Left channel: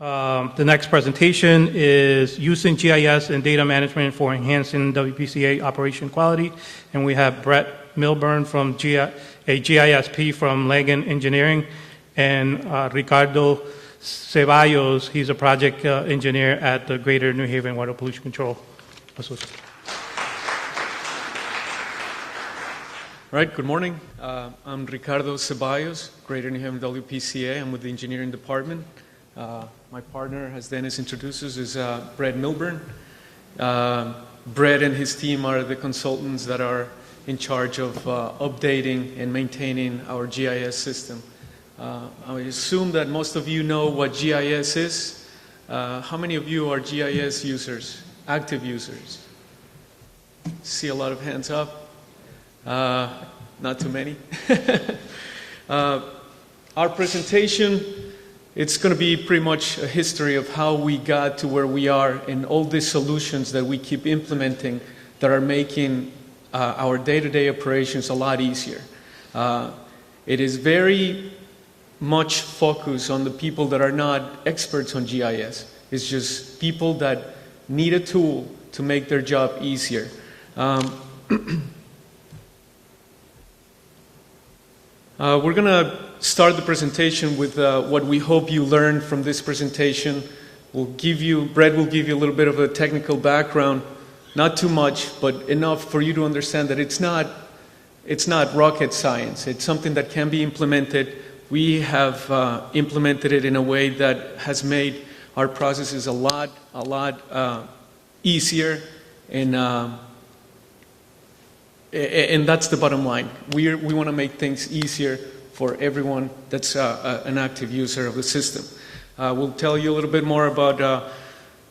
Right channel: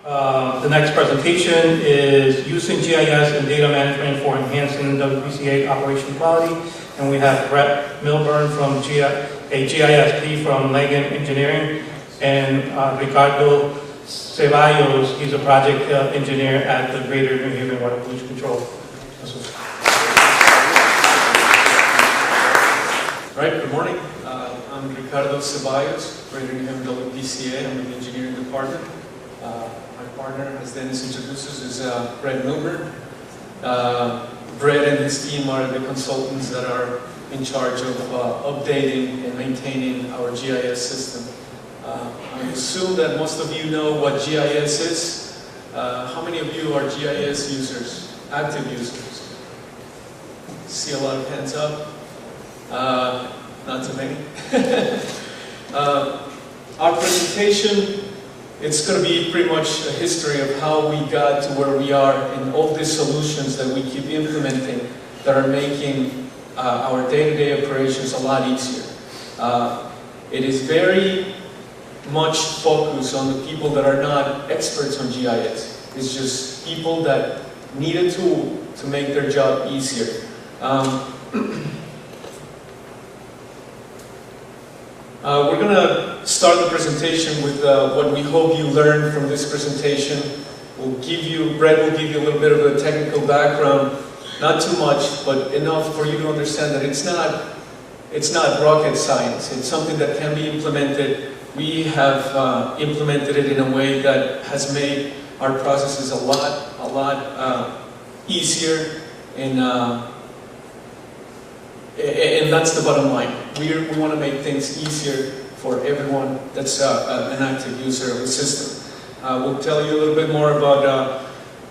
The next presentation is using GIS and data management for enhancing WPCA operation quality. And we have Brett Milburn from a GISP from Langan Engineering, and Ricardo Ceballos, he's a project engineer at the Greater New Haven Water Pollution Control. All right, good morning. I'm Ricardo Ceballos, Greater New Haven WPCA. I'm with the engineering department. My partner, as Dennis introduces, is Brett Milburn. Brett and his team are the consultants that are in charge of updating and maintaining our GIS system. I assume that most of you know what GIS is. How many of you are GIS users, active users? See a lot of hands up. Not too many. Our presentation, it's going to be pretty much a history of how we got to where we are and all the solutions that we keep implementing that are making our day-to-day operations a lot easier. It is very much focused on the people that are not experts on GIS. It's just people that need a tool to make their job easier. We're going to start the presentation with what we hope you learned from this presentation. Brett will give you a little bit of a technical background, not too much, but enough for you to understand that it's not rocket science. It's something that can be implemented. We have implemented it in a way that has made our processes a lot easier, and that's the bottom line. We want to make things easier for everyone that's an active user of the system. We'll tell you a little bit more about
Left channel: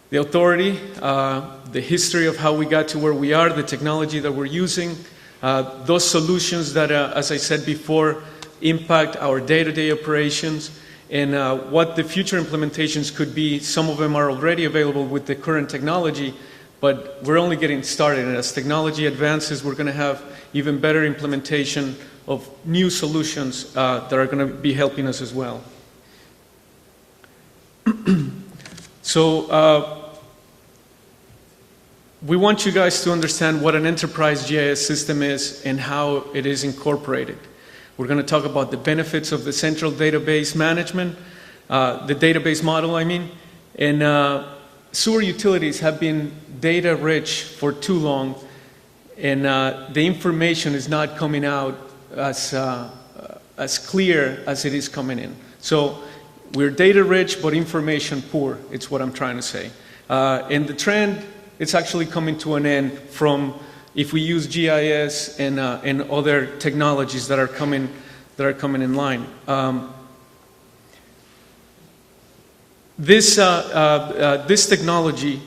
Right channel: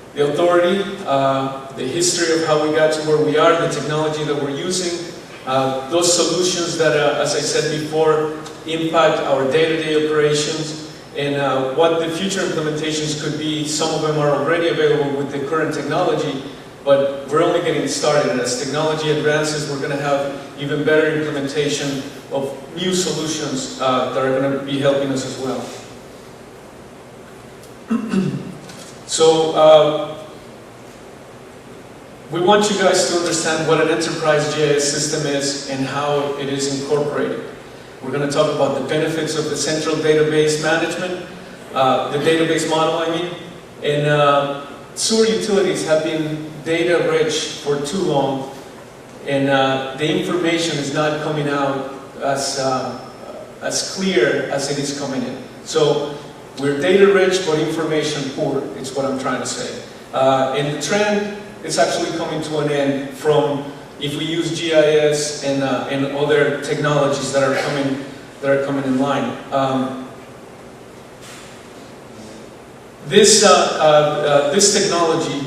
the authority, the history of how we got to where we are, the technology that we're using, those solutions that, as I said before, impact our day-to-day operations, and what the future implementations could be. Some of them are already available with the current technology, but we're only getting started, and as technology advances, we're going to have even better implementation of new solutions that are going to be helping us as well. So we want you guys to understand what an enterprise GIS system is and how it is incorporated. We're going to talk about the benefits of the central database management, the database model, I mean, and sewer utilities have been data rich for too long, and the information is not coming out as clear as it is coming in. So we're data rich but information poor, it's what I'm trying to say. And the trend is actually coming to an end from if we use GIS and other technologies that are coming in line. This technology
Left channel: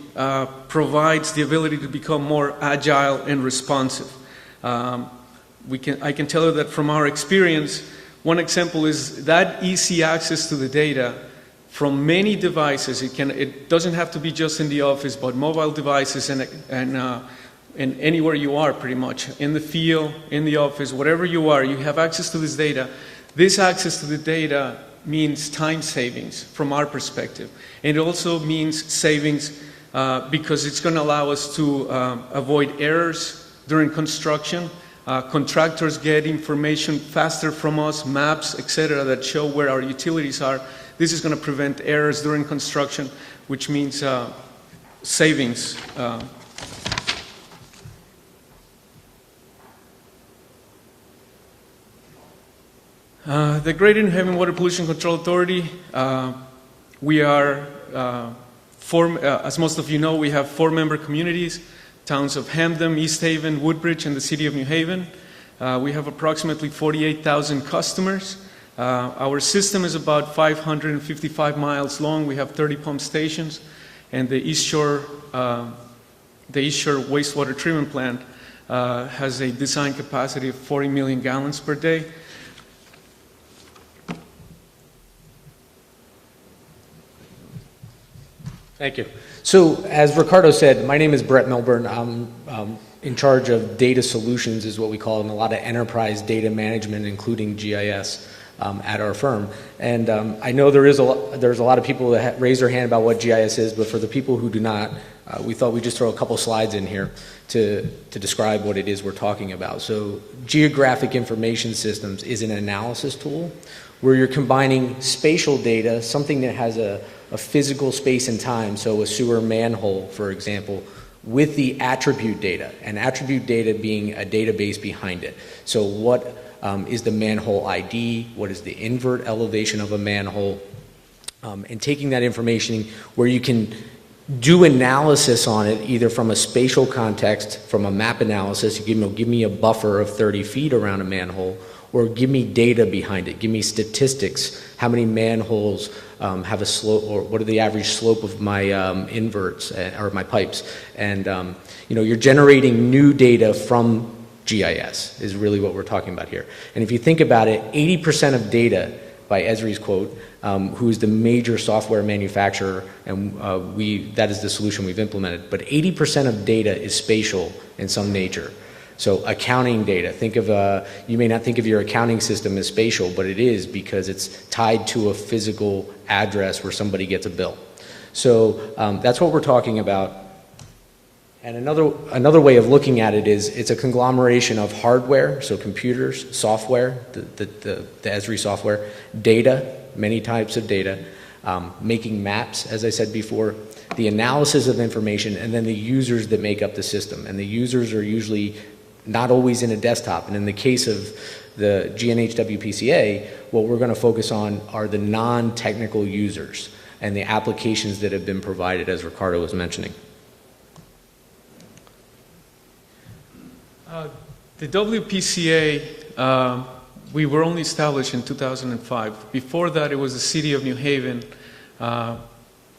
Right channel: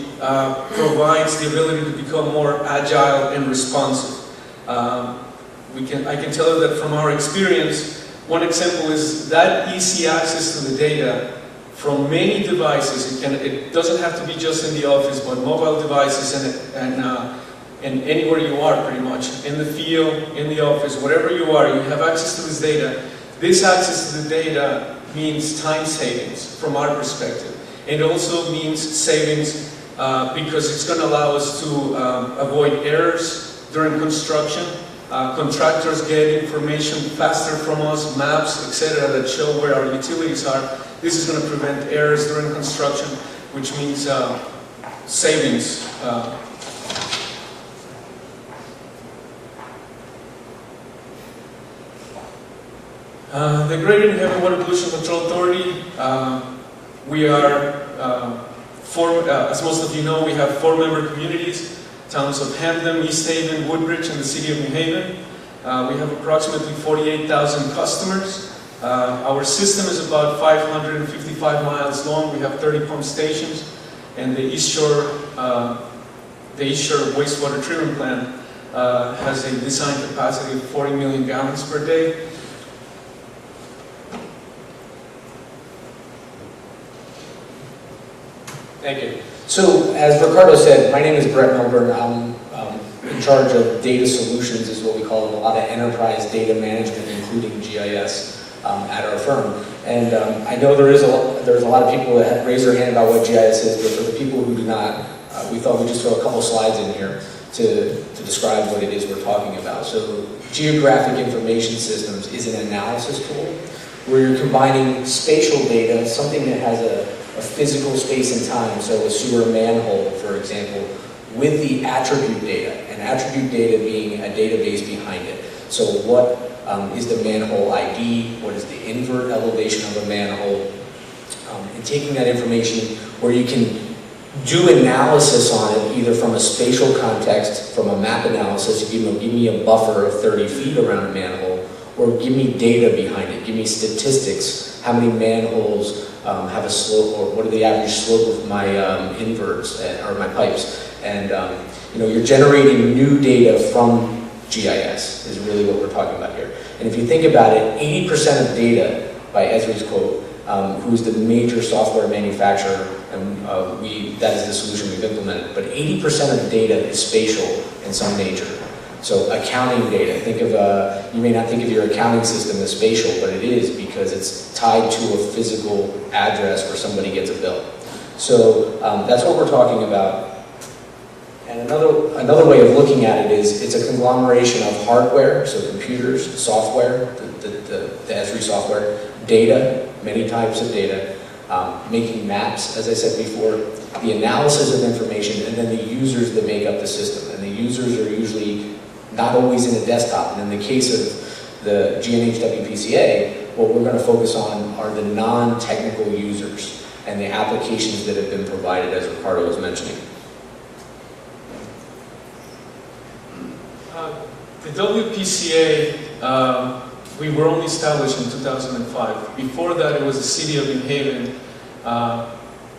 provides the ability to become more agile and responsive. I can tell you that from our experience. One example is that easy access to the data from many devices. It doesn't have to be just in the office, but mobile devices and anywhere you are, pretty much in the field, in the office, wherever you are, you have access to this data. This access to the data means time savings from our perspective. And it also means savings because it's going to allow us to avoid errors during construction. Contractors get information faster from us, maps, etc., that show where our utilities are. This is going to prevent errors during construction, which means savings. The Greater New Haven Water Pollution Control Authority, we are, as most of you know, we have 4 member communities, towns of Hamden, East Haven, Woodbridge, and the city of New Haven. We have approximately 48,000 customers. Our system is about 555 miles long. We have 30 pump stations, and the East Shore wastewater treatment plant has a design capacity of 40 million gallons per day. Thank you. So, as Ricardo said, my name is Brett Milburn. I'm in charge of data solutions, is what we call it, a lot of enterprise data management, including GIS, at our firm. And I know there's a lot of people that have raised their hand about what GIS is, but for the people who do not, we thought we'd just throw a couple slides in here to describe what it is we're talking about. So Geographic Information Systems is an analysis tool where you're combining spatial data, something that has a physical space and time, so a sewer manhole, for example, with the attribute data, and attribute data being a database behind it. So what is the manhole ID, what is the invert elevation of a manhole, and taking that information where you can do analysis on it, either from a spatial context, from a map analysis, give me a buffer of 30 feet around a manhole, or give me data behind it, give me statistics, how many manholes have a slope, or what are the average slope of my inverts, or my pipes. And you're generating new data from GIS is really what we're talking about here. And if you think about it, 80% of data, by Esri's quote, who's the major software manufacturer, and that is the solution we've implemented, but 80% of data is spatial in some nature. So accounting data, you may not think of your accounting system as spatial, but it is because it's tied to a physical address where somebody gets a bill. So that's what we're talking about. And another way of looking at it is it's a conglomeration of hardware, so computers, software, the Esri software, data, many types of data, making maps, as I said before, the analysis of information, and then the users that make up the system. And the users are usually not always in a desktop. And in the case of the GNHWPCA, what we're going to focus on are the non-technical users and the applications that have been provided, as Ricardo was mentioning. The WPCA, we were only established in 2005. Before that, it was the city of New Haven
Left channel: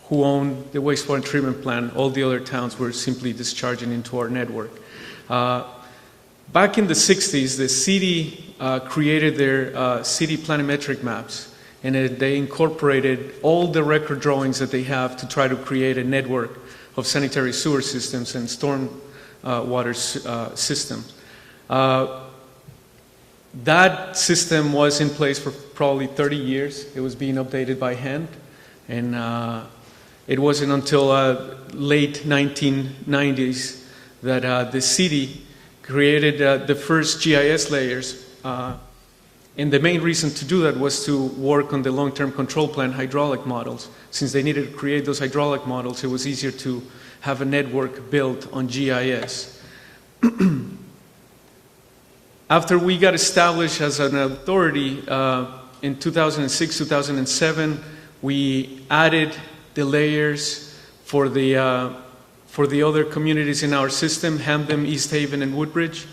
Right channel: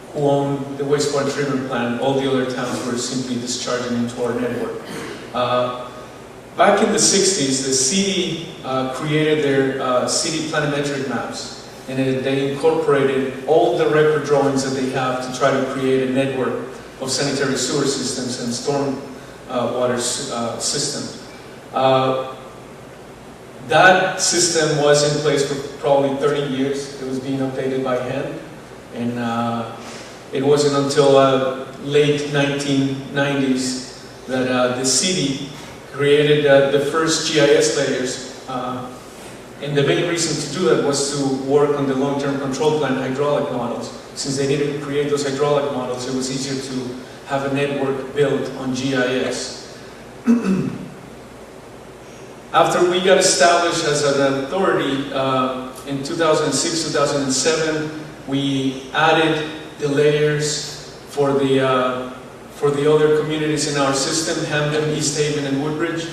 who owned the wastewater treatment plant. All the other towns were simply discharging into our network. Back in the 60s, the city created their city planimetric maps, and they incorporated all the record drawings that they have to try to create a network of sanitary sewer systems and storm water systems. That system was in place for probably 30 years. It was being updated by hand, and it wasn't until late 1990s that the city created the first GIS layers. And the main reason to do that was to work on the long-term control plan hydraulic models. Since they needed to create those hydraulic models, it was easier to have a network built on GIS. After we got established as an authority in 2006, 2007, we added the layers for the other communities in our system, Hampton, East Haven, and Woodbridge.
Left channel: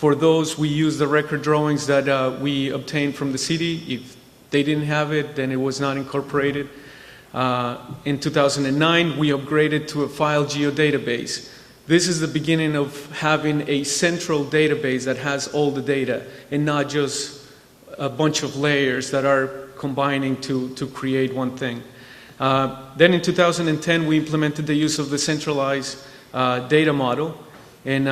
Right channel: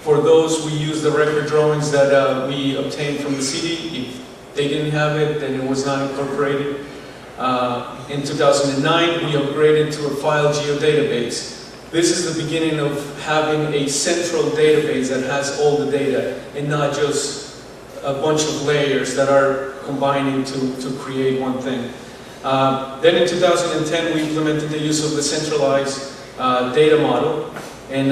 For those, we used the record drawings that we obtained from the city. If they didn't have it, then it was not incorporated. In 2009, we upgraded to a file geodatabase. This is the beginning of having a central database that has all the data and not just a bunch of layers that are combining to create one thing. Then in 2010, we implemented the use of the centralized data model. And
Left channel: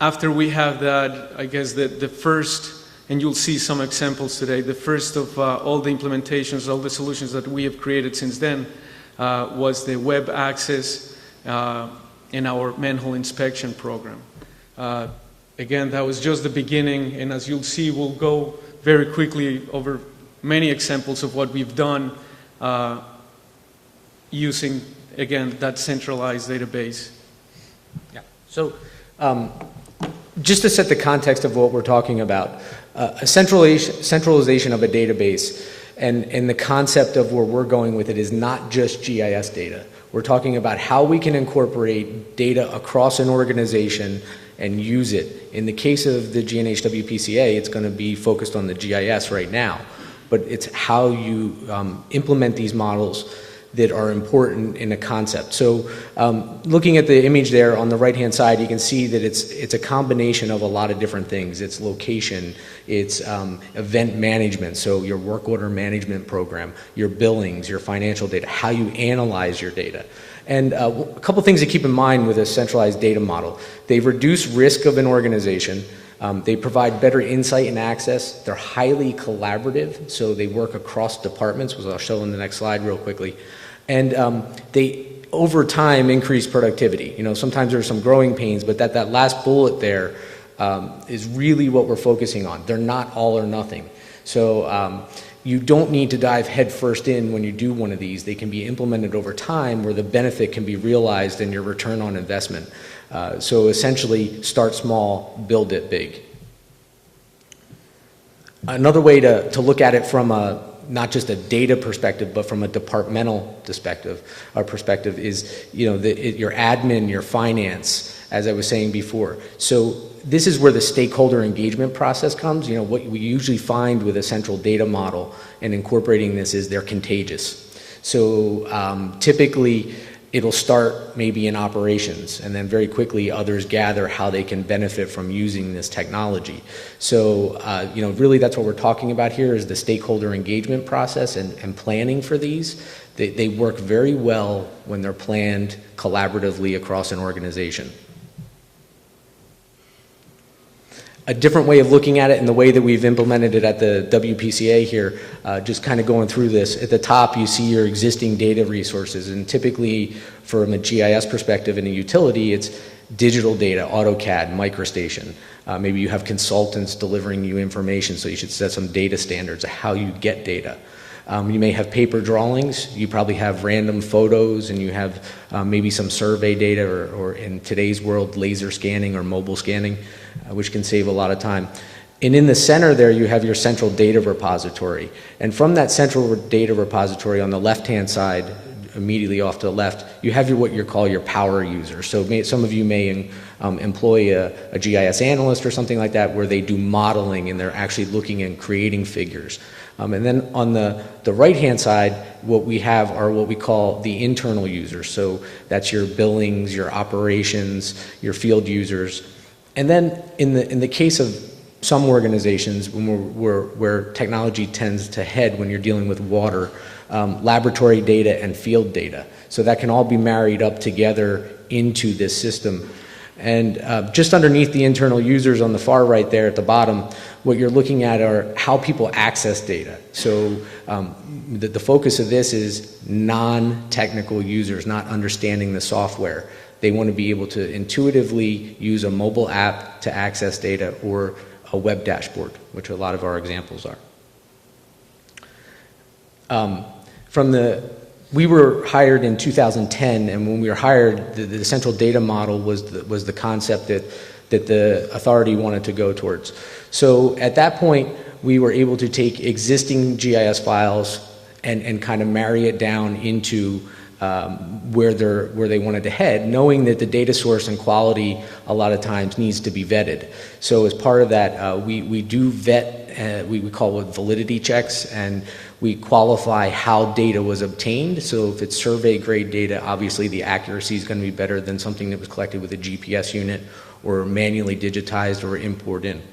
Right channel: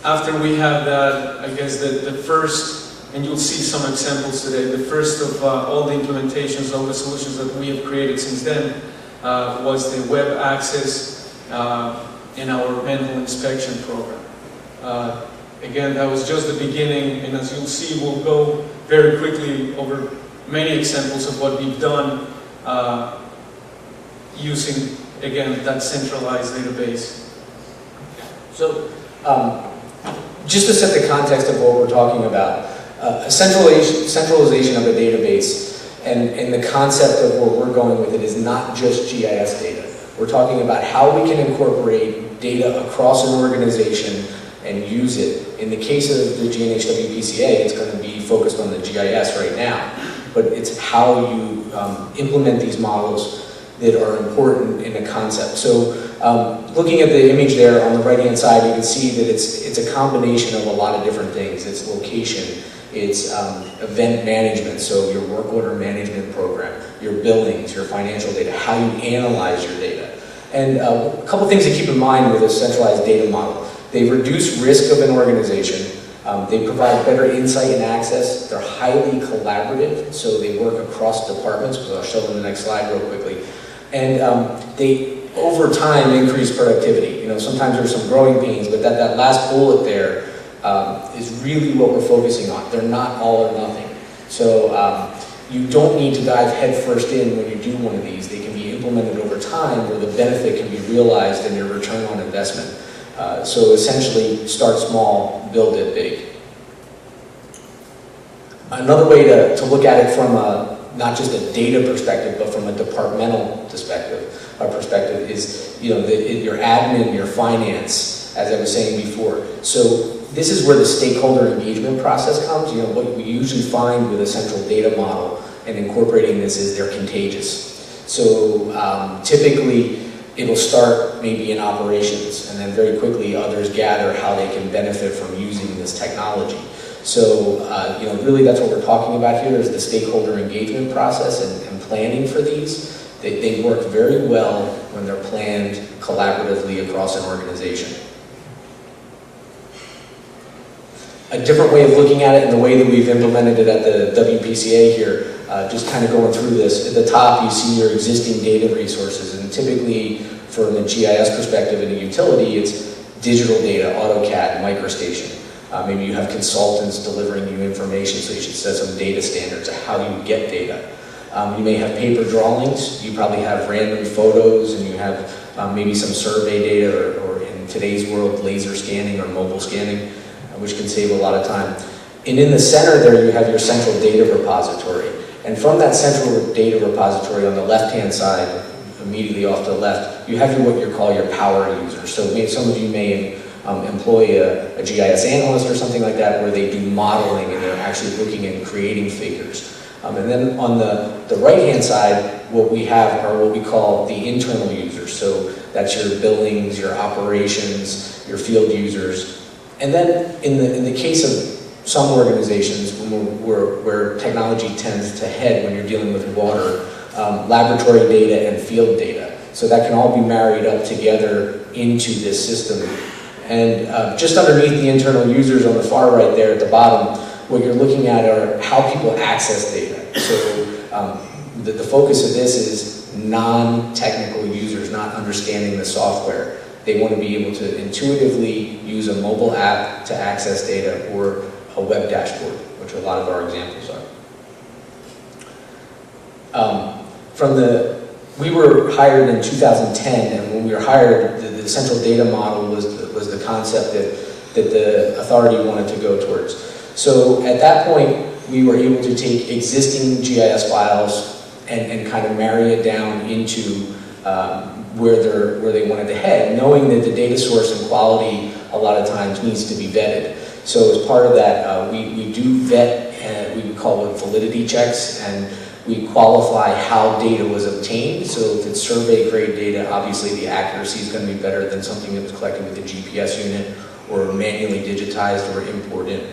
after we had that, I guess the first, and you'll see some examples today, the first of all the implementations, all the solutions that we have created since then was the web access in our manhole inspection program. Again, that was just the beginning, and as you'll see, we'll go very quickly over many examples of what we've done using, again, that centralized database. So, just to set the context of what we're talking about, a centralization of a database and the concept of where we're going with it is not just GIS data. We're talking about how we can incorporate data across an organization and use it. In the case of the GNHWPCA, it's going to be focused on the GIS right now, but it's how you implement these models that are important in a concept. So looking at the image there on the right-hand side, you can see that it's a combination of a lot of different things. It's location, it's event management, so your work order management program, your billings, your financial data, how you analyze your data. And a couple things to keep in mind with a centralized data model. They reduce risk of an organization. They provide better insight and access. They're highly collaborative, so they work across departments, which I'll show in the next slide real quickly. And they, over time, increase productivity. You know, sometimes there's some growing pains, but that last bullet there is really what we're focusing on. They're not all or nothing. So you don't need to dive headfirst in when you do one of these. They can be implemented over time where the benefit can be realized in your return on investment. So essentially, start small, build it big. Another way to look at it from not just a data perspective, but from a departmental perspective is, you know, your admin, your finance, as I was saying before. So this is where the stakeholder engagement process comes. You know, what we usually find with a central data model and incorporating this is they're contagious. So typically, it'll start maybe in operations, and then very quickly others gather how they can benefit from using this technology. So, you know, really that's what we're talking about here is the stakeholder engagement process and planning for these. They work very well when they're planned collaboratively across an organization. A different way of looking at it and the way that we've implemented it at the WPCA here, just kind of going through this, at the top you see your existing data resources, and typically from a GIS perspective in a utility, it's digital data, AutoCAD, MicroStation. Maybe you have consultants delivering you information, so you should set some data standards of how you get data. You may have paper drawings, you probably have random photos, and you have maybe some survey data, or in today's world, laser scanning or mobile scanning, which can save a lot of time. And in the center there, you have your central data repository. And from that central data repository on the left-hand side, immediately off to the left, you have what you call your power user. So some of you may employ a GIS analyst or something like that, where they do modeling and they're actually looking at creating figures. And then on the right-hand side, what we have are what we call the internal users. So that's your billings, your operations, your field users. And then in the case of some organizations where technology tends to head when you're dealing with water, laboratory data and field data. So that can all be married up together into this system. And just underneath the internal users on the far right there at the bottom, what you're looking at are how people access data. So the focus of this is non-technical users not understanding the software. They want to be able to intuitively use a mobile app to access data or a web dashboard, which a lot of our examples are. We were hired in 2010, and when we were hired, the central data model was the concept that the authority wanted to go towards. So at that point, we were able to take existing GIS files and kind of marry it down into where they wanted to head, knowing that the data source and quality a lot of times needs to be vetted. So as part of that, we do vet, and we call it validity checks, and we qualify how data was obtained. So if it's survey grade data, obviously the accuracy is going to be better than something that was collected with a GPS unit or manually digitized or imported.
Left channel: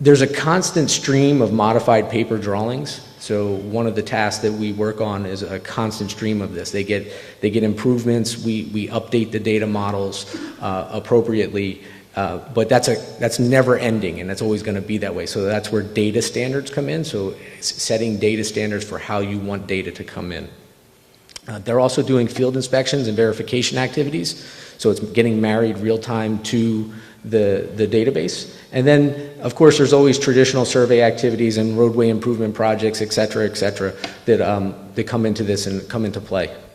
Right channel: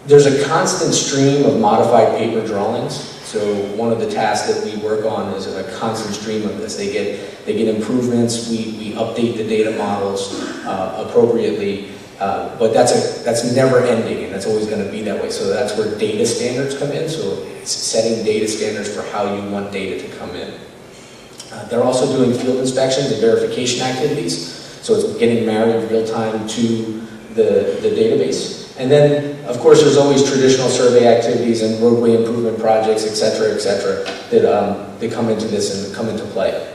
There's a constant stream of modified paper drawings. So one of the tasks that we work on is a constant stream of this. They get improvements. We update the data models appropriately. But that's never ending, and that's always going to be that way. So that's where data standards come in. So it's setting data standards for how you want data to come in. They're also doing field inspections and verification activities. So it's getting married real time to the database. And then, of course, there's always traditional survey activities and roadway improvement projects, et cetera, that come into this and come into play.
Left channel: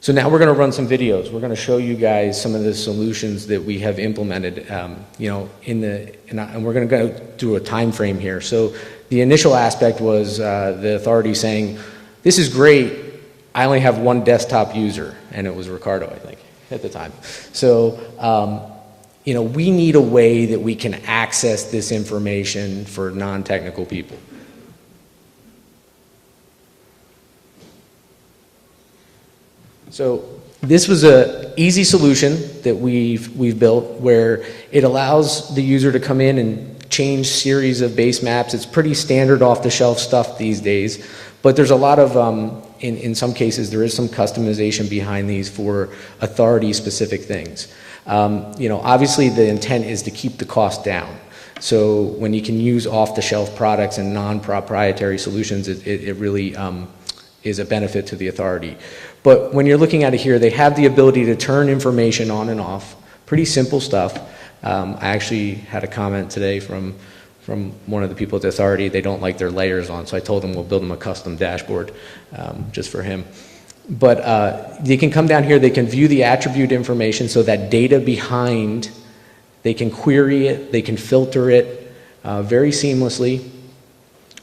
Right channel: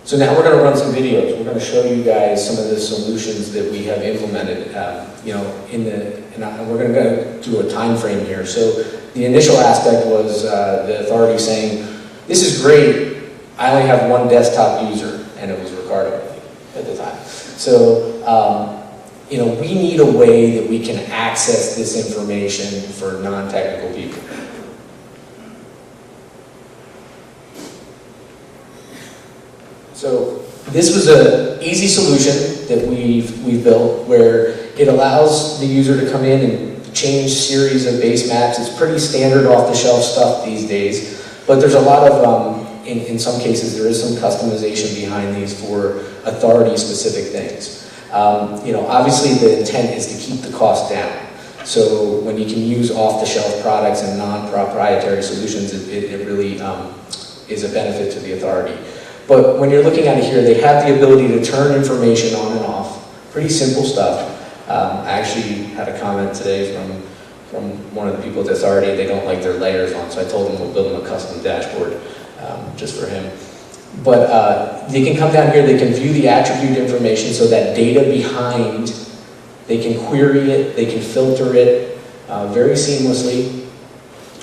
So now we're going to run some videos. We're going to show you guys some of the solutions that we have implemented, and we're going to go through a time frame here. So the initial aspect was the authority saying, this is great, I only have one desktop user, and it was Ricardo, I think, at the time. So, we need a way that we can access this information for non-technical people. So this was an easy solution that we've built where it allows the user to come in and change series and base maps. It's pretty standard off-the-shelf stuff these days, but there's a lot of, in some cases, there is some customization behind these for authority-specific things. Obviously the intent is to keep the cost down. So when you can use off-the-shelf products and non-proprietary solutions, it really is a benefit to the authority. But when you're looking at it here, they have the ability to turn information on and off. Pretty simple stuff. I actually had a comment today from one of the people at the authority. They don't like their layers on, so I told them we'll build them a custom dashboard just for him. But they can come down here, they can view the attribute information, so that data behind, they can query it, they can filter it very seamlessly.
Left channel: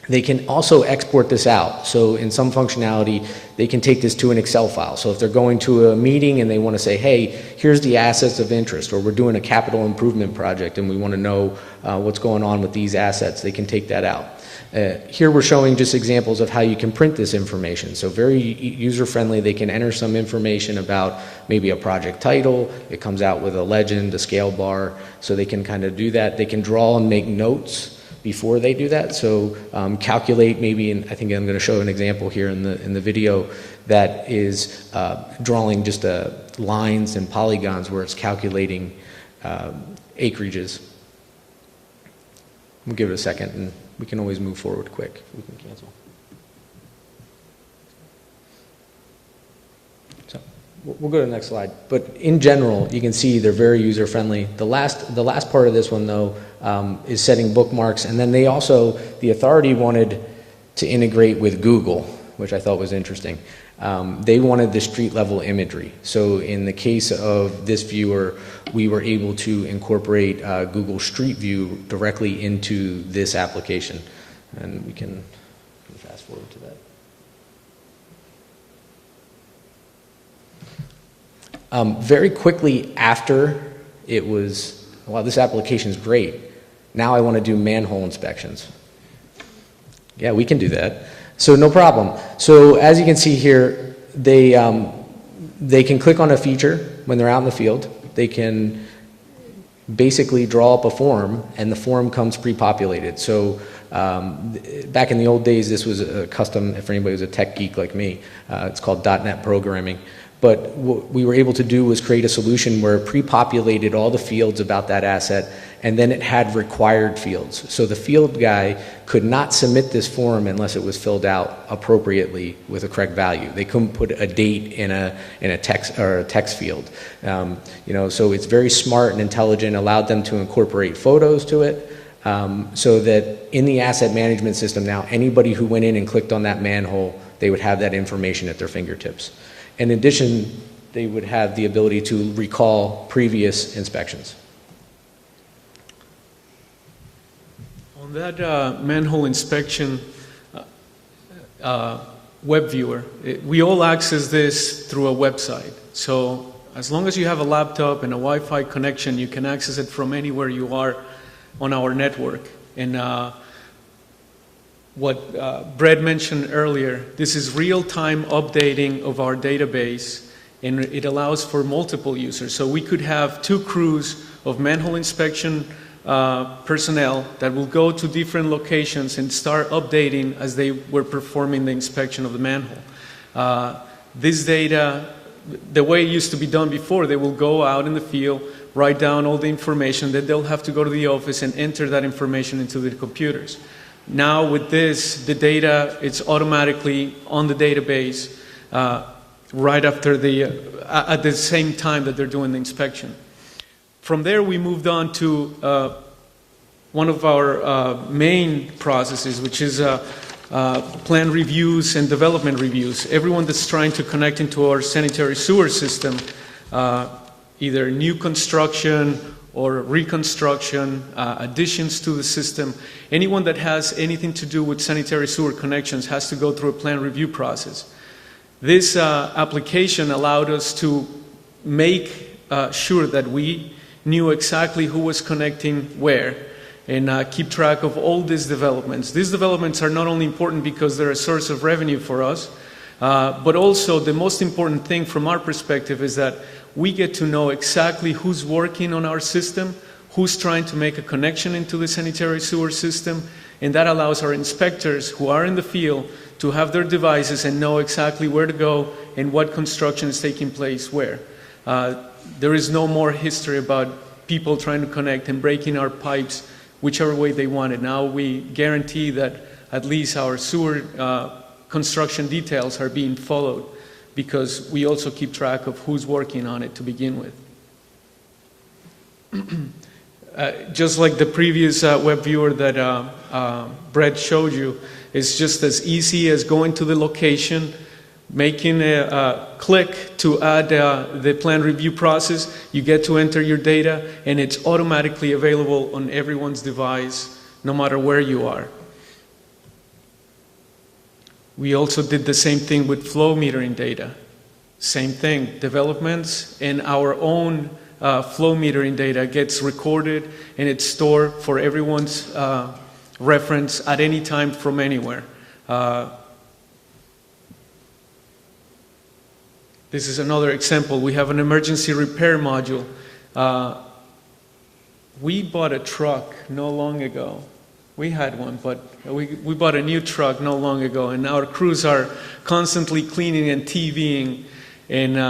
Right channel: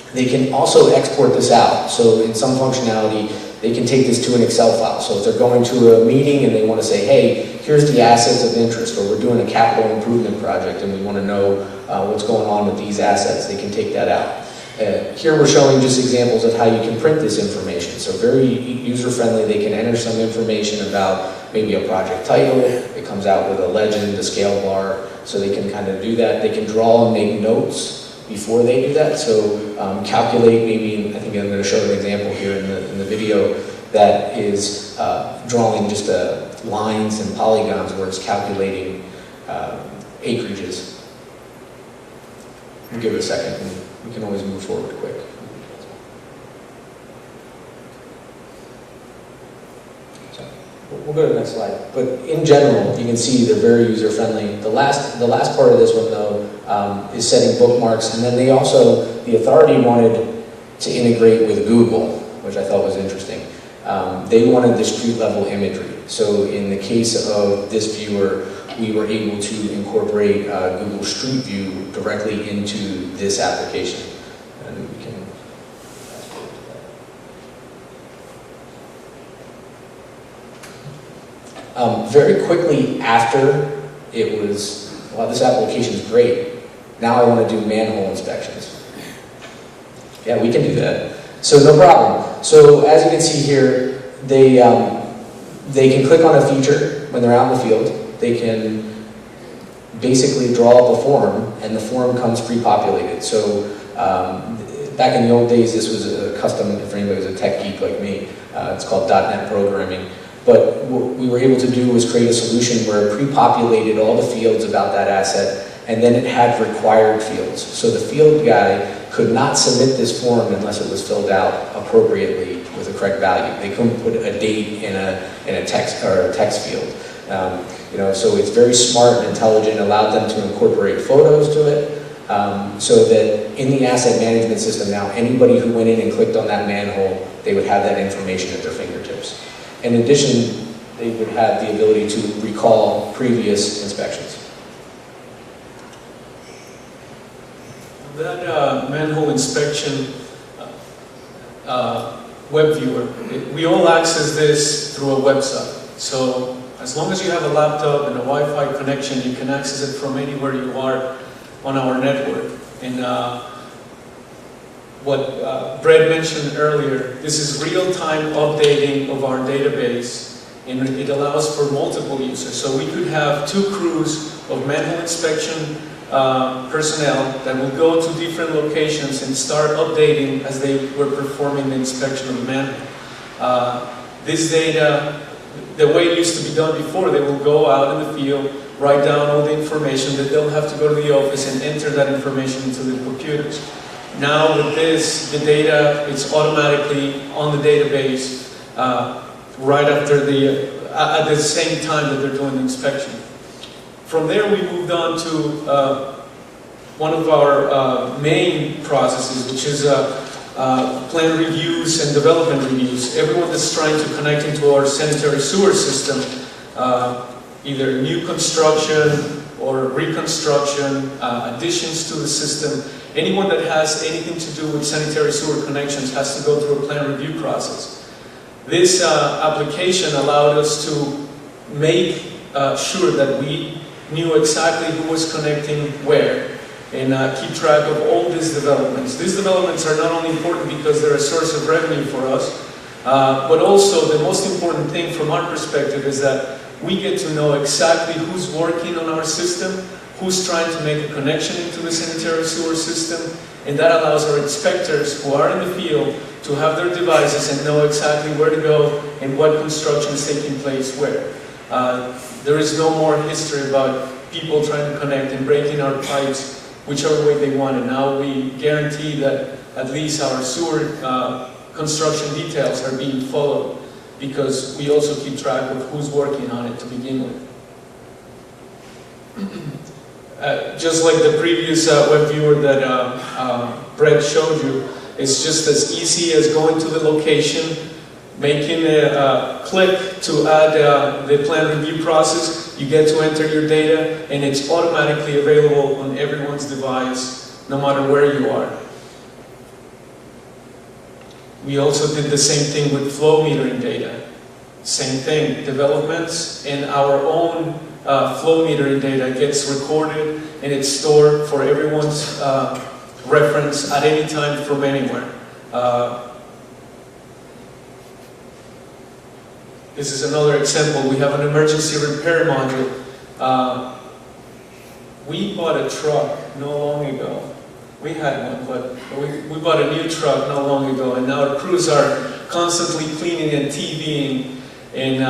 They can also export this out. So in some functionality, they can take this to an Excel file. So if they're going to a meeting and they want to say, hey, here's the assets of interest, or we're doing a capital improvement project and we want to know what's going on with these assets, they can take that out. Here we're showing just examples of how you can print this information. So very user-friendly. They can enter some information about maybe a project title. It comes out with a legend, a scale bar, so they can kind of do that. They can draw and make notes before they do that. So calculate maybe, I think I'm going to show an example here in the video that is drawing just lines and polygons where it's calculating acreages. We'll give it a second, and we can always move forward quick. So we'll go to the next slide. But in general, you can see they're very user-friendly. The last part of this one, though, is setting bookmarks. And then the authority wanted to integrate with Google, which I thought was interesting. They wanted the street-level imagery. So in the case of this viewer, we were able to incorporate Google Street View directly into this application. And we can fast forward to that. Very quickly after it was, well, this application is great. Now I want to do manhole inspections. Yeah, we can do that. So no problem. So as you can see here, they can click on a feature when they're out in the field. They can basically draw up a form, and the form comes pre-populated. So back in the old days, this was a custom, for anybody who's a tech geek like me, it's called .NET programming. But what we were able to do was create a solution where it pre-populated all the fields about that asset, and then it had required fields. So the field guy could not submit this form unless it was filled out appropriately with the correct value. They couldn't put a date in a text or a text field. So it's very smart and intelligent, allowed them to incorporate photos to it, so that in the asset management system now, anybody who went in and clicked on that manhole, they would have that information at their fingertips. In addition, they would have the ability to recall previous inspections. On that manhole inspection web viewer, we all access this through a website. So as long as you have a laptop and a Wi-Fi connection, you can access it from anywhere you are on our network. And what Brett mentioned earlier, this is real-time updating of our database, and it allows for multiple users. So we could have 2 crews of manhole inspection personnel that will go to different locations and start updating as they were performing the inspection of the manhole. This data, the way it used to be done before, they will go out in the field, write down all the information, then they'll have to go to the office and enter that information into the computers. Now with this, the data is automatically on the database right after at the same time that they're doing the inspection. From there, we moved on to one of our main processes, which is plan reviews and development reviews. Everyone that's trying to connect into our sanitary sewer system, either new construction or reconstruction, additions to the system, anyone that has anything to do with sanitary sewer connections has to go through a plan review process. This application allowed us to make sure that we knew exactly who was connecting where, and keep track of all these developments. These developments are not only important because they're a source of revenue for us, but also the most important thing from our perspective is that we get to know exactly who's working on our system, who's trying to make a connection into the sanitary sewer system, and that allows our inspectors who are in the field to have their devices and know exactly where to go and what construction is taking place where. There is no more history about people trying to connect and breaking our pipes whichever way they want it. Now we guarantee that at least our sewer construction details are being followed, because we also keep track of who's working on it to begin with. Just like the previous web viewer that Brett showed you, it's just as easy as going to the location, making a click to add the plan review process. You get to enter your data, and it's automatically available on everyone's device, no matter where you are. We also did the same thing with flow metering data. Same thing, developments and our own flow metering data gets recorded and it's stored for everyone's reference at any time from anywhere. This is another example. We have an emergency repair module. We bought a truck not long ago. We had one, but we bought a new truck not long ago, and now the crews are constantly cleaning and TVing, and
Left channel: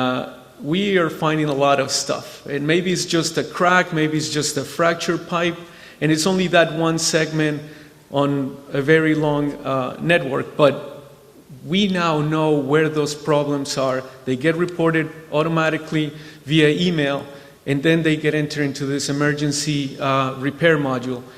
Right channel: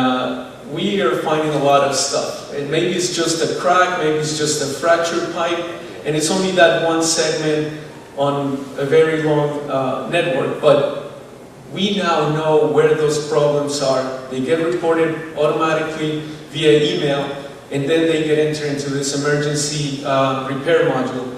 we are finding a lot of stuff. And maybe it's just a crack, maybe it's just a fractured pipe, and it's only that one segment on a very long network, but we now know where those problems are. They get reported automatically via email, and then they get entered into this emergency repair module.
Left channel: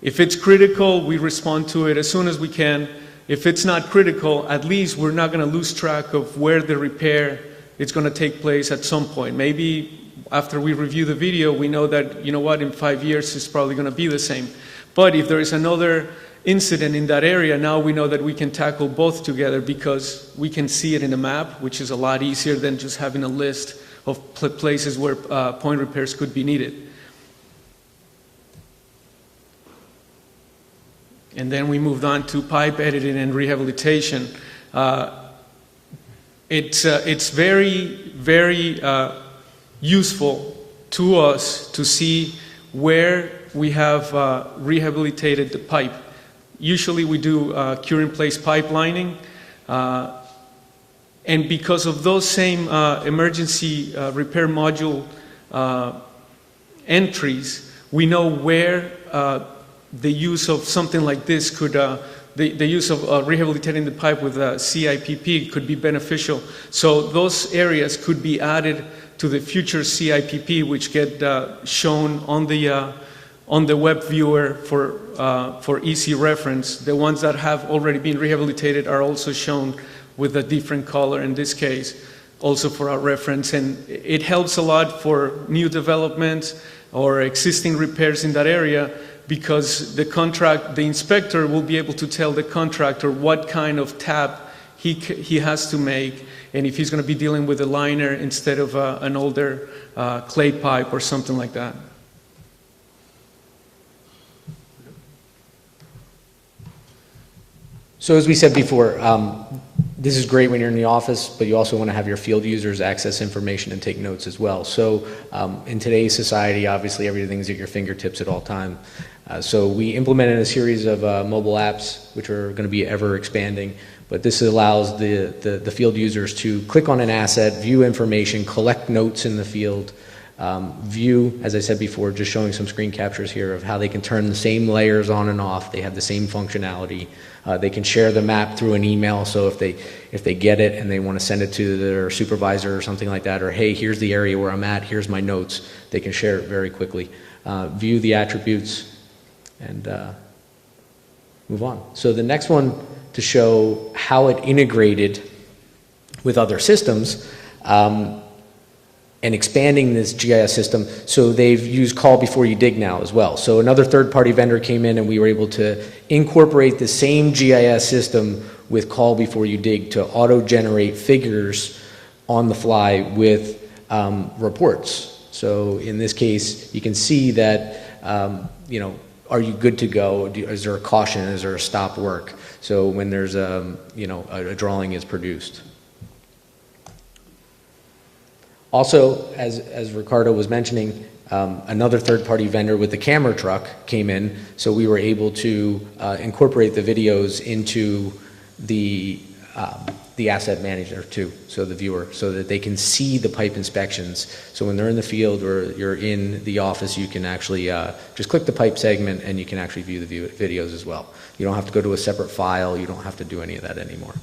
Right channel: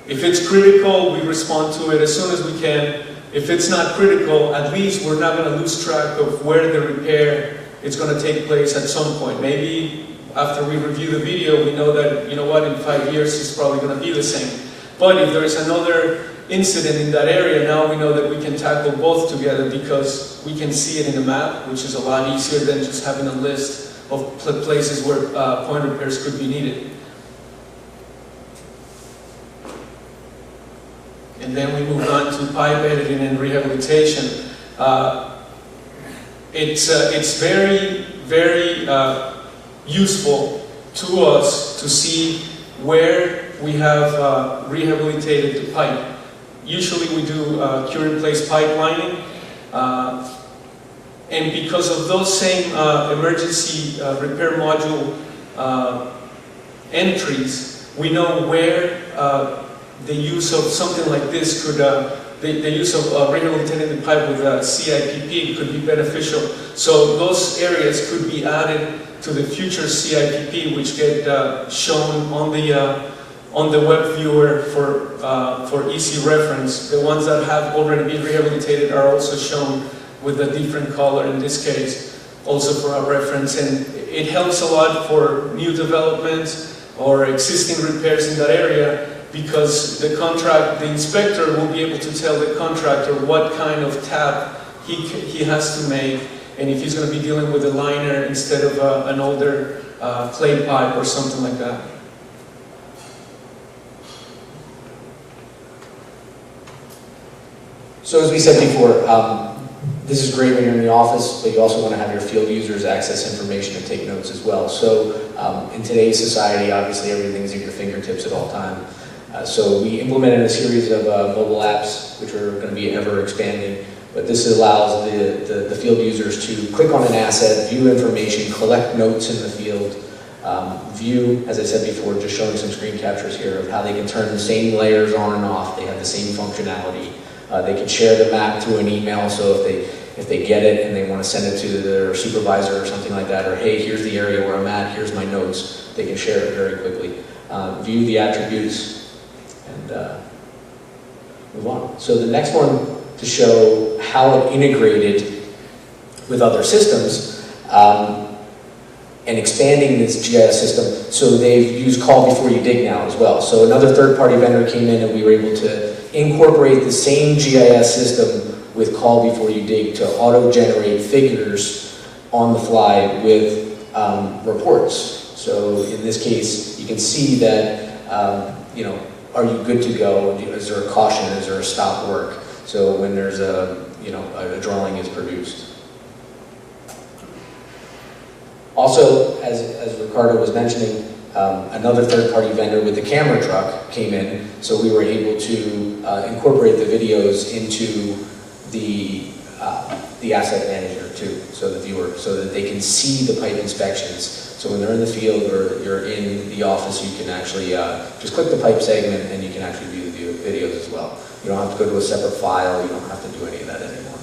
If it's critical, we respond to it as soon as we can. If it's not critical, at least we're not going to lose track of where the repair is going to take place at some point. Maybe after we review the video, we know that, you know what, in 5 years it's probably going to be the same. But if there's another incident in that area, now we know that we can tackle both together, because we can see it in the map, which is a lot easier than just having a list of places where point repairs could be needed. And then we move on to pipe editing and rehabilitation. It's very, very useful to us to see where we have rehabilitated the pipe. Usually we do cure-in-place pipelining, and because of those same emergency repair module entries, we know where the use of something like this could, the use of rehabilitating the pipe with CIPP could be beneficial. So those areas could be added to the future CIPP, which get shown on the web viewer for easy reference. The ones that have already been rehabilitated are also shown with a different color in this case, also for our reference. And it helps a lot for new developments or existing repairs in that area, because the inspector will be able to tell the contractor what kind of tap he has to make, and if he's going to be dealing with a liner instead of an older clay pipe or something like that. So as we said before, this is great when you're in the office, but you also want to have your field users access information and take notes as well. So in today's society, obviously everything's at your fingertips at all times. So we implemented a series of mobile apps, which are going to be ever expanding, but this allows the field users to click on an asset, view information, collect notes in the field, view, as I said before, just showing some screen captures here of how they can turn the same layers on and off. They have the same functionality. They can share the map through an email, so if they get it and they want to send it to their supervisor or something like that, or hey, here's the area where I'm at, here's my notes, they can share it very quickly. View the attributes, and move on. So the next one, to show how it integrated with other systems and expanding this GIS system. So they've used call before you dig now as well. So another third-party vendor came in and we were able to incorporate the same GIS system with call before you dig to auto-generate figures on the fly with reports. So in this case, you can see that, are you good to go? Is there a caution? Is there a stop work? So when there's a drawing is produced. Also, as Ricardo was mentioning, another third-party vendor with the camera truck came in, so we were able to incorporate the videos into the the asset manager too, so the viewer, so that they can see the pipe inspections. So when they're in the field or you're in the office, you can actually just click the pipe segment and you can actually view the videos as well. You don't have to go to a separate file, you don't have to do any of that anymore.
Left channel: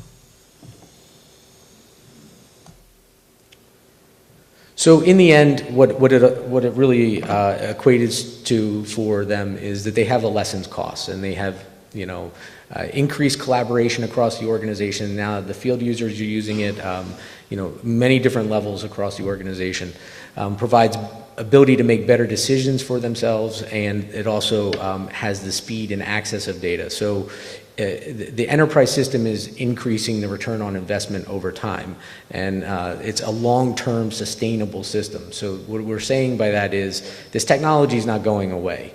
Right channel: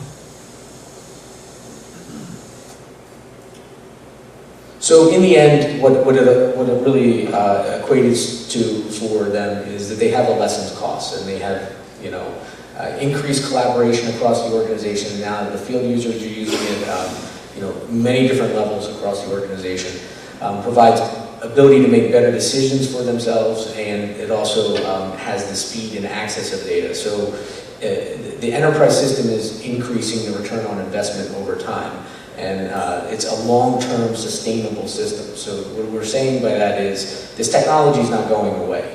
So in the end, what it really equates to for them is that they have a lessened cost, and they have, you know, increased collaboration across the organization. Now the field users are using it, you know, many different levels across the organization. Provides ability to make better decisions for themselves, and it also has the speed and access of data. So the enterprise system is increasing the return on investment over time. And it's a long-term sustainable system. So what we're saying by that is this technology is not going away.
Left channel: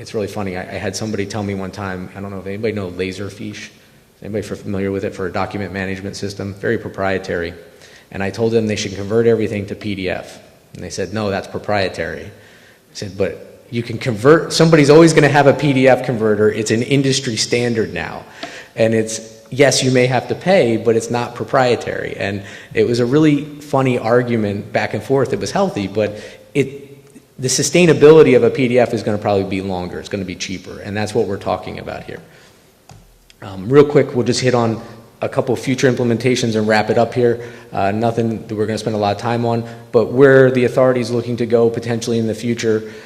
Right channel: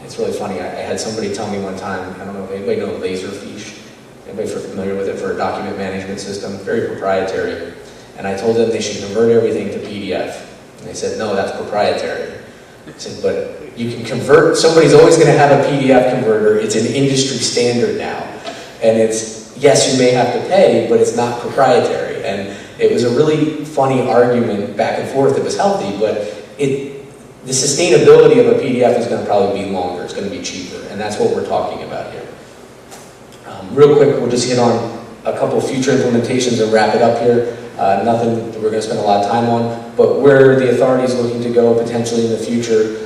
It's really funny. I had somebody tell me one time, I don't know if anybody know Laserfish? Anybody familiar with it for a document management system? Very proprietary. And I told them they should convert everything to PDF. And they said, no, that's proprietary. I said, but you can convert, somebody's always going to have a PDF converter. It's an industry standard now. And it's, yes, you may have to pay, but it's not proprietary. And it was a really funny argument back and forth. It was healthy, but the sustainability of a PDF is going to probably be longer. It's going to be cheaper, and that's what we're talking about here. Real quick, we'll just hit on a couple of future implementations and wrap it up here. Nothing we're going to spend a lot of time on, but where the authority is looking to go potentially in the future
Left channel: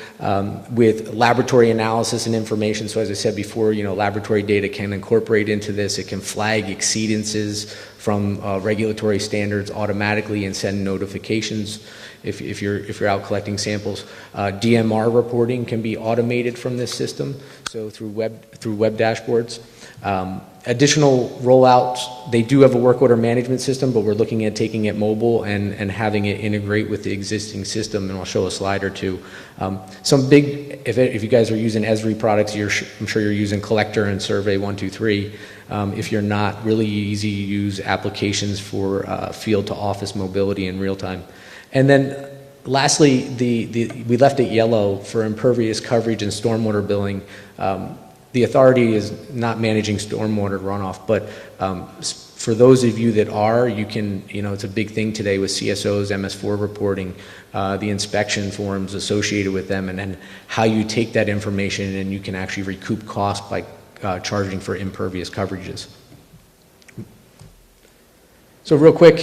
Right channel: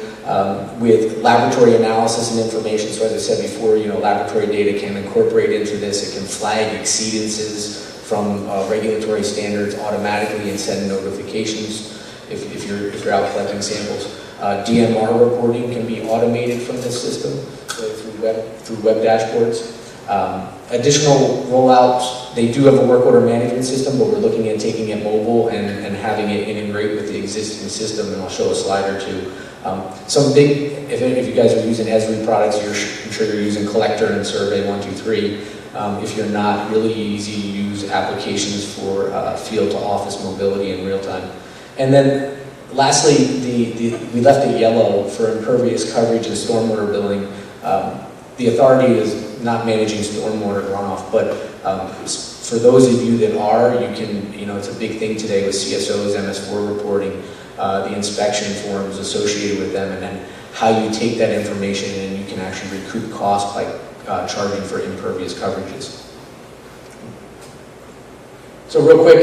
with laboratory analysis and information. So as I said before, you know, laboratory data can incorporate into this. It can flag exceedances from regulatory standards automatically and send notifications if you're out collecting samples. DMR reporting can be automated from this system, so through web dashboards. Additional rollouts, they do have a work order management system, but we're looking at taking it mobile and having it integrate with the existing system, and I'll show a slide or two. Some big, if you guys are using Esri products, I'm sure you're using Collector and Survey 123. If you're not, really easy to use applications for field to office mobility in real time. And then lastly, we left it yellow for impervious coverage and stormwater billing. The authority is not managing stormwater runoff, but for those of you that are, you can, you know, it's a big thing today with CSOs, MS4 reporting, the inspection forms associated with them, and how you take that information and you can actually recoup costs by charging for impervious coverages. So real quick,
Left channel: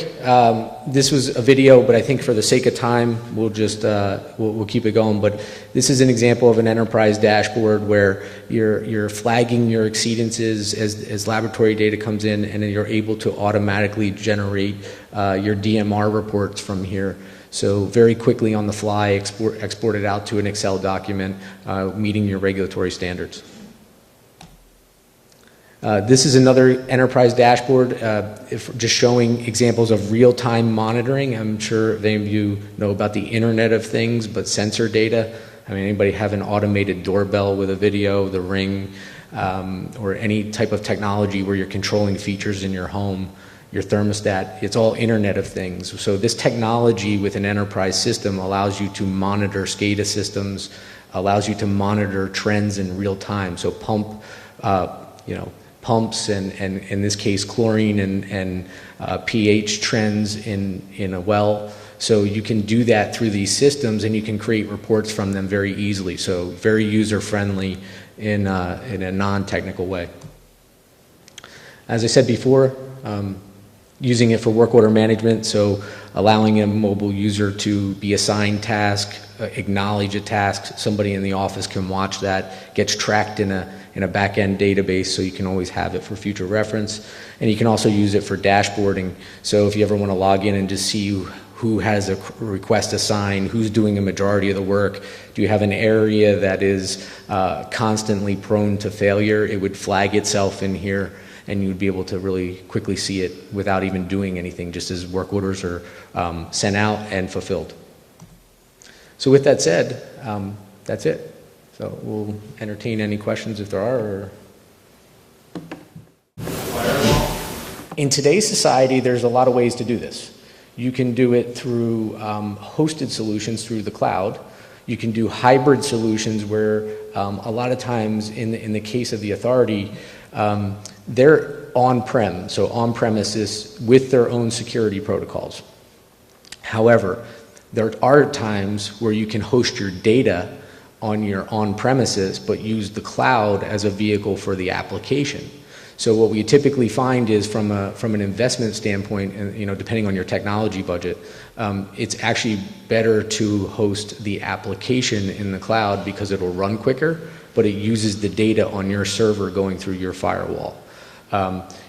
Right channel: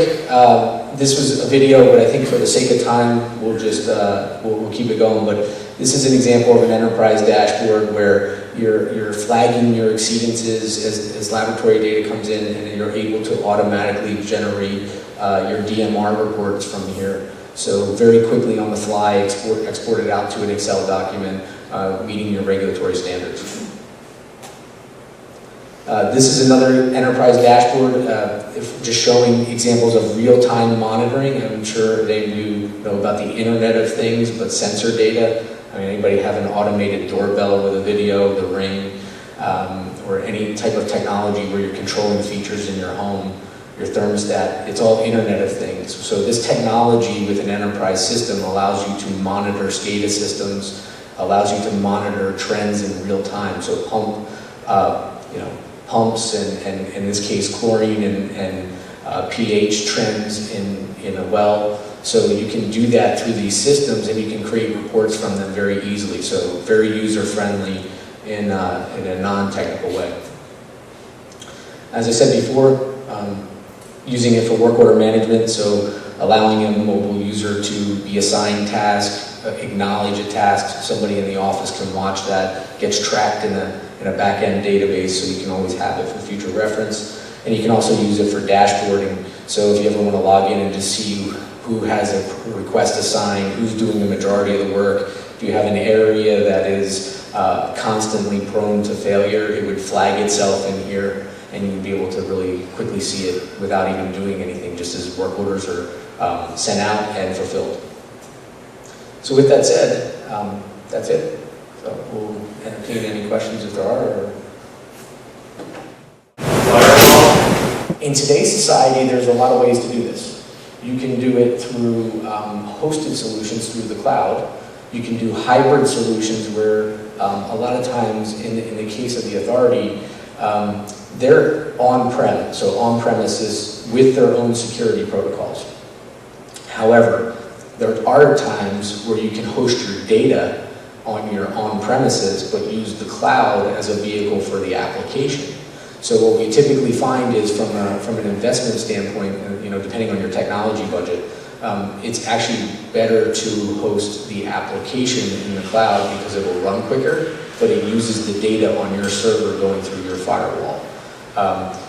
this was a video, but I think for the sake of time, we'll just we'll keep it going. But this is an example of an enterprise dashboard where you're flagging your exceedances as laboratory data comes in, and then you're able to automatically generate your DMR reports from here. So very quickly on the fly, export it out to an Excel document, meeting your regulatory standards. This is another enterprise dashboard, just showing examples of real-time monitoring. I'm sure they do know about the Internet of Things, but sensor data. I mean, anybody have an automated doorbell with a video, the Ring, or any type of technology where you're controlling features in your home, your thermostat, it's all Internet of Things. So this technology with an enterprise system allows you to monitor SCADA systems, allows you to monitor trends in real time. So pumps and in this case chlorine and pH trends in a well. So you can do that through these systems, and you can create reports from them very easily. So very user friendly in a non-technical way. As I said before, using it for work order management, so allowing a mobile user to be assigned tasks, acknowledge a task, somebody in the office can watch that, gets tracked in a back-end database, so you can always have it for future reference. And you can also use it for dashboarding. So if you ever want to log in and just see who has a request assigned, who's doing the majority of the work, do you have an area that is constantly prone to failure, it would flag itself in here, and you'd be able to really quickly see it without even doing anything, just as work orders are sent out and fulfilled. So with that said, that's it. So we'll entertain any questions if there are. In today's society, there's a lot of ways to do this. You can do it through hosted solutions through the cloud. You can do hybrid solutions where a lot of times, in the case of the authority, they're on-prem, so on-premises with their own security protocols. However, there are times where you can host your data on your on-premises, but use the cloud as a vehicle for the application. So what we typically find is from an investment standpoint, and depending on your technology budget, it's actually better to host the application in the cloud because it will run quicker, but it uses the data on your server going through your firewall.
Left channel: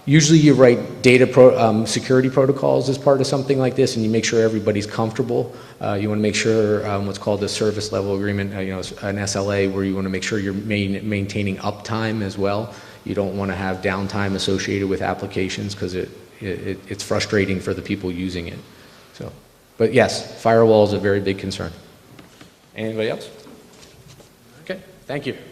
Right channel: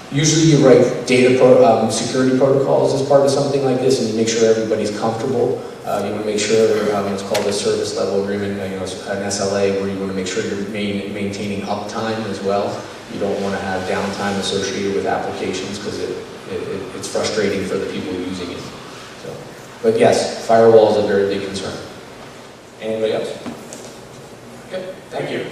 Usually you write data security protocols as part of something like this, and you make sure everybody's comfortable. You want to make sure it's called a service level agreement, an SLA, where you want to make sure you're maintaining uptime as well. You don't want to have downtime associated with applications because it's frustrating for the people using it. So, but yes, firewall is a very big concern. Anybody else? Okay, thank you.